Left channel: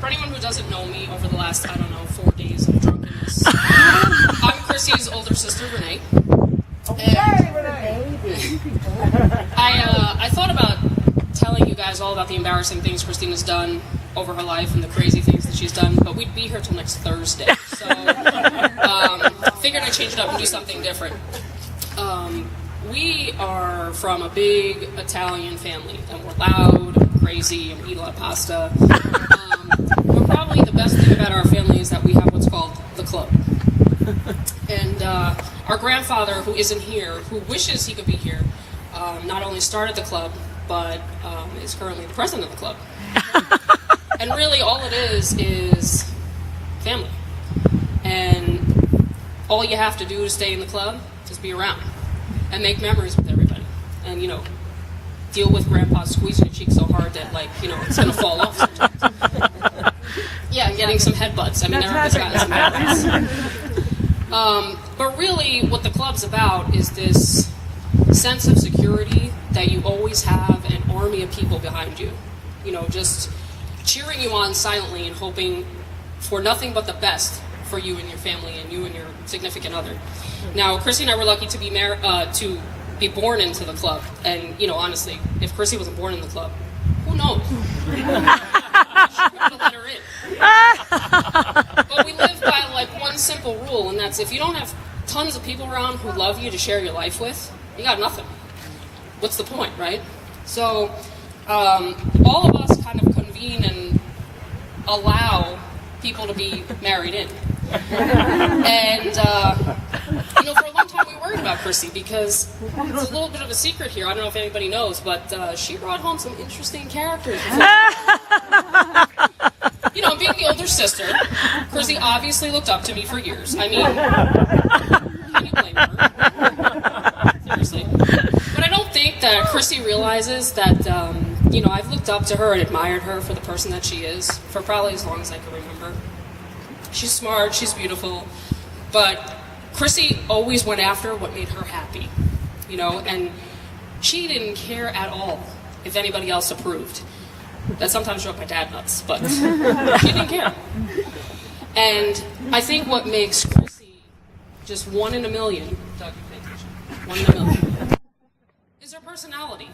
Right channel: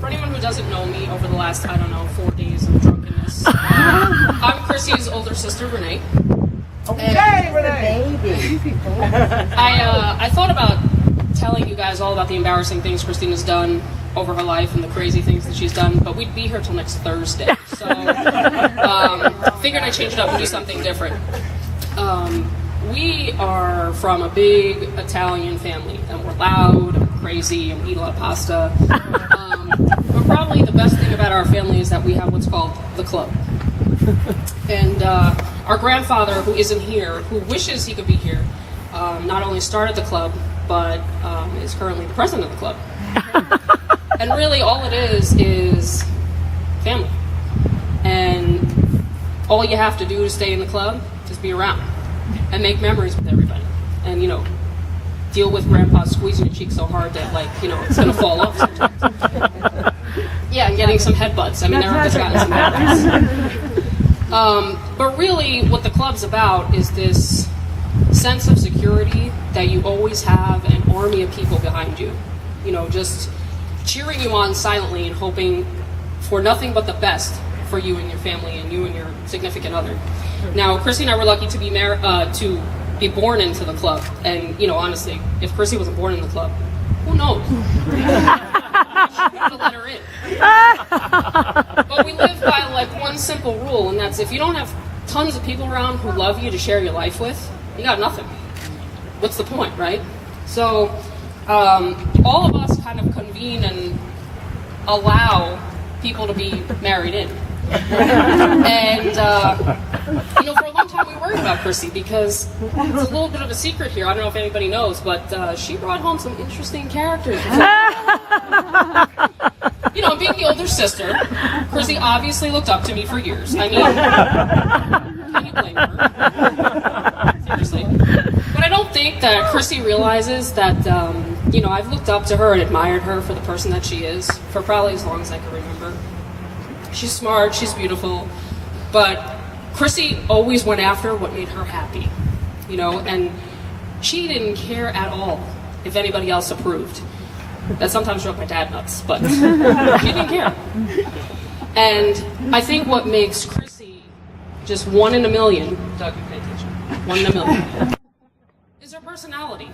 For anyone who doesn't know me over the last, 4 days of drunkenness, I'm Chrissy's older sister, Renee. Okay, Renee! I thought about telling you guys all about the embarrassing things Christina's done over her life and the crazy things that she's done, but we'd be here till next Thursday. So, figured I'd change it up and do something different. We are from a big Italian family, and we're loud, and crazy, and we eat a lot of pasta. But probably the best thing about our family is that we have what's called the club. And our grandfather, who isn't here, who wishes he could be here, not only started the club, but is currently the president of the club. And really all it is family. And all you have to do to stay in the club is be around and make memories with everybody. And, deal with grandpa squeezing your cheek so hard that, it's going to fall off sometimes. Yeah, and getting some headbutts. I mean, Erica's gotten some headbutts. But really, what the club's about is this sense of security that you always have an army of people behind you. Just cheering you on silently and hoping for nothing but the best for you and your family and you and your significant other. Now, Chrissy and I were lucky to be be born into the club. And, honestly, if Chrissy wasn't born in the club, who knows? She would have let her in. But we live by, one simple rule, and that's if you don't have tons of people around who love you to share your life with, you got nothing. What's the point, right? So, all of us kind of convene and allow people to be married in. And, for a long time we worried about Chrissy because it's a little bit of a secret here. I don't know if anybody knows, but she brought home some interesting characters. Being the older sister, Chrissy obviously looked up to me for years. I mean, can you blame her? Seriously. But I don't think that Chrissy realizes that, I've looked up to her and admired her for the person that she is for probably as long as I can remember. She's smart, she's beautiful, but Chrissy always went after what made her happy, and she didn't care at all if anybody else approved. That sometimes drove my dad nuts, but she didn't care. And I think what makes Chrissy just one in a million, Doug, you pay attention, 1 in a million, is her personality.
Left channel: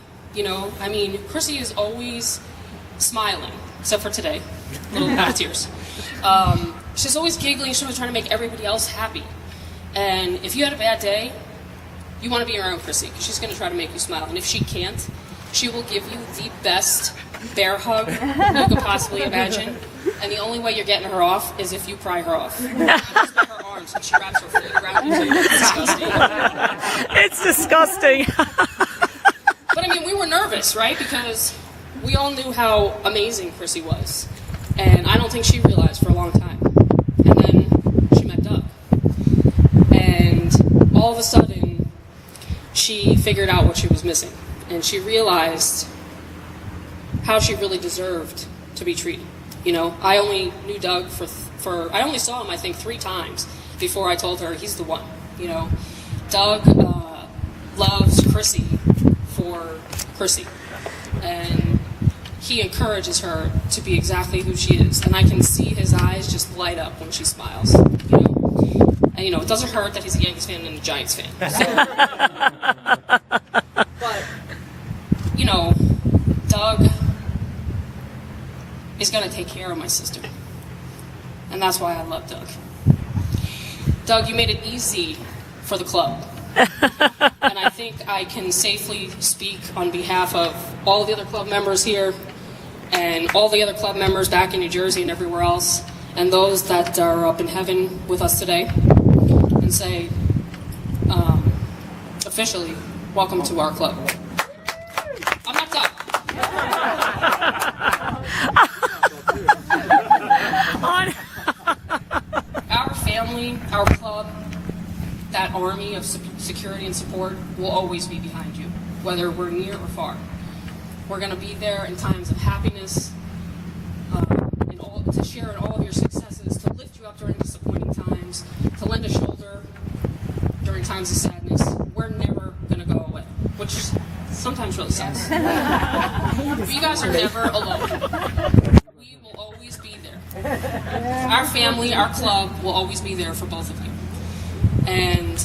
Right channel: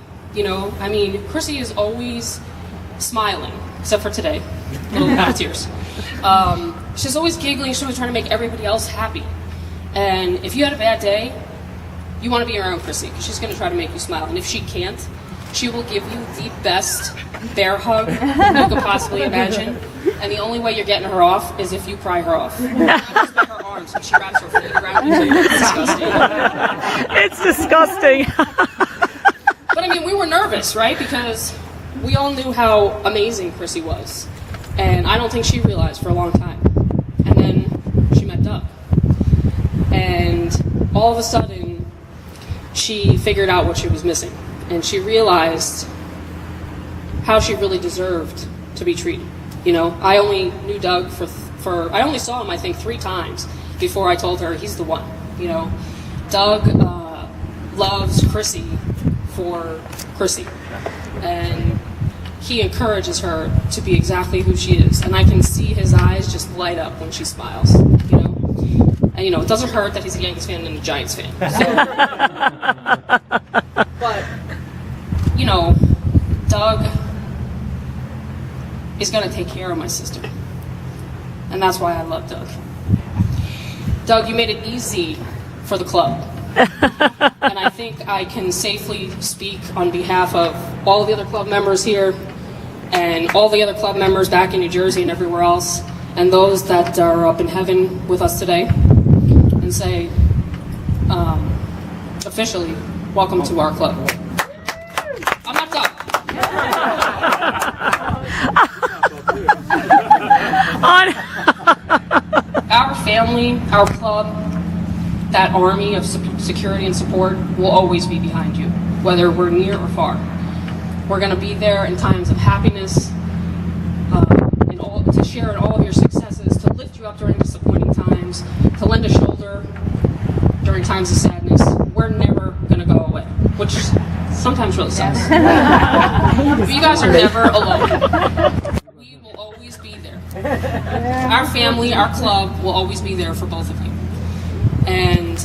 Chrissy is always smiling, except for today, a little bit of tears. She's always giggling, she's always trying to make everybody else happy. And if you had a bad day, you want to be around Chrissy, because she's going to try to make you smile. And if she can't, she will give you the best bear hug you could possibly imagine. And the only way you're getting her off is if you pry her off. She wraps her arms and she wraps her feet around you. It's disgusting. It's disgusting. But we were nervous, right? Because we all knew how amazing Chrissy was. And I don't think she realized for a long time. And then she met Doug. And all of a sudden, she figured out what she was missing. And she realized how she really deserved to be treated. I only knew Doug I only saw him, I think, 3 times before I told her he's the one. Doug loves Chrissy for Chrissy. And he encourages her to be exactly who she is. And I can see his eyes just light up when she smiles, And, it doesn't hurt that he's a Yankees fan and a Giants fan. So. But, Doug is going to take care of my sister. And that's why I love Doug. Doug, you made it easy for the club. And I think I can safely speak on behalf of all the other club members here and all the other club members back in New Jersey and everywhere else, and those that are up in heaven with us today, and say, officially, welcome to our club. I'm not done. Our family, our club, that army of security and support will always be behind you, whether we're near or far. We're going to be there in times of happiness, to share in all of your successes, to lift you up during disappointing times, to lend a shoulder during times of sadness. We're never going to go away, which sometimes really sucks. But you guys are never alone. We will always be be there. Our family, our club will always be there for both of you. And,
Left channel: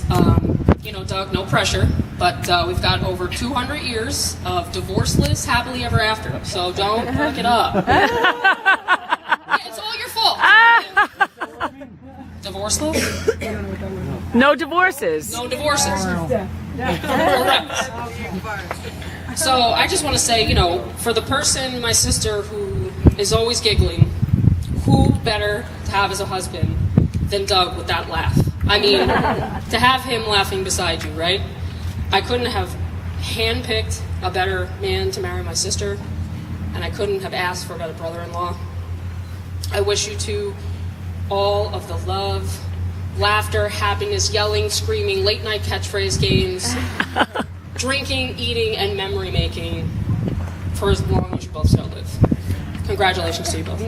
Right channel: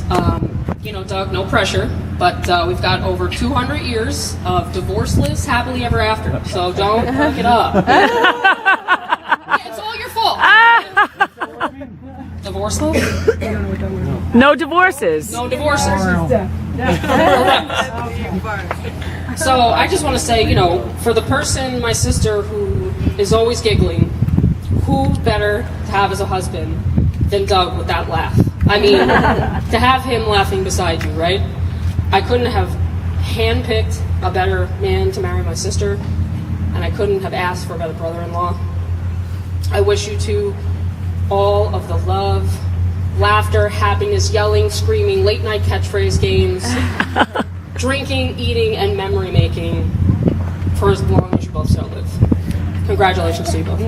Doug, no pressure, but we've got over 200 years of divorceless, happily ever after. So don't break it up. Yeah, it's all your fault. Divorceless? No divorces. No divorces. So I just want to say, for the person, my sister, who is always giggling, who better to have as a husband than Doug with that laugh? I mean, to have him laughing beside you, right? I couldn't have handpicked a better man to marry my sister, and I couldn't have asked for a better brother-in-law. I wish you two all of the love, laughter, happiness, yelling, screaming, late-night catchphrase games, drinking, eating, and memory making for as long as you both shall live. Congratulations to you both.